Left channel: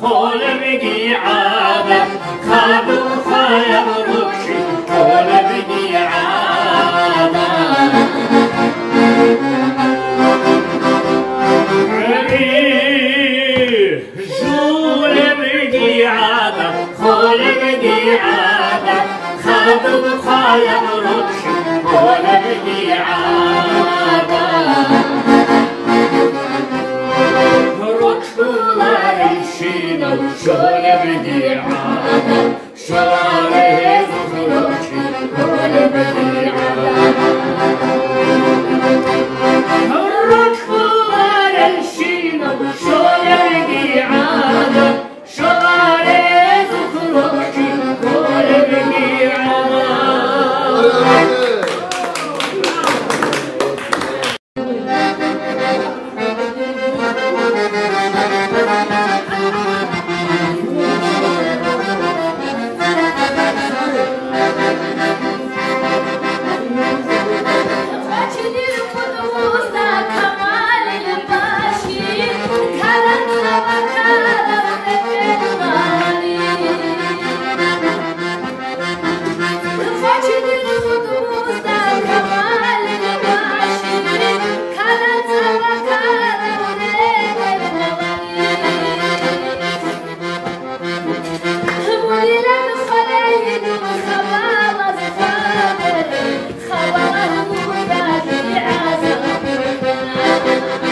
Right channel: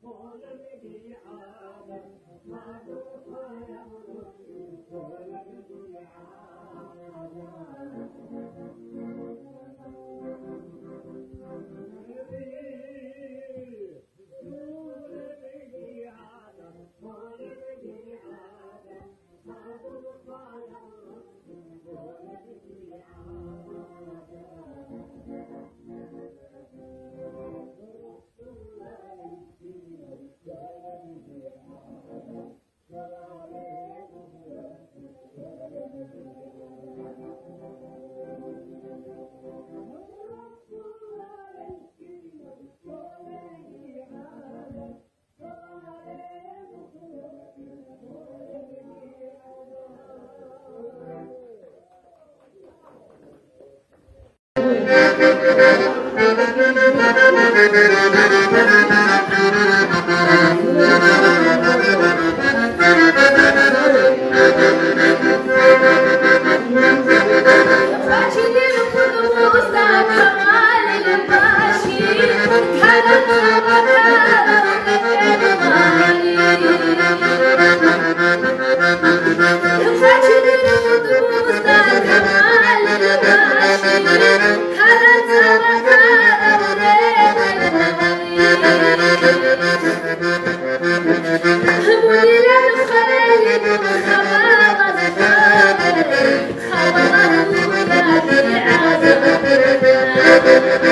خول بقي عادة خابو خايب ركشي خول بقي عادة جول بقي عادة خول بقي عادة خابو خايب ركشي خول بقي عادة شغل بدي عادة شغله زخرفشي شغل بدي عادة الركض على الشينا شغل بدي عادة شغله زخرفشي شغل بدي عادة خبر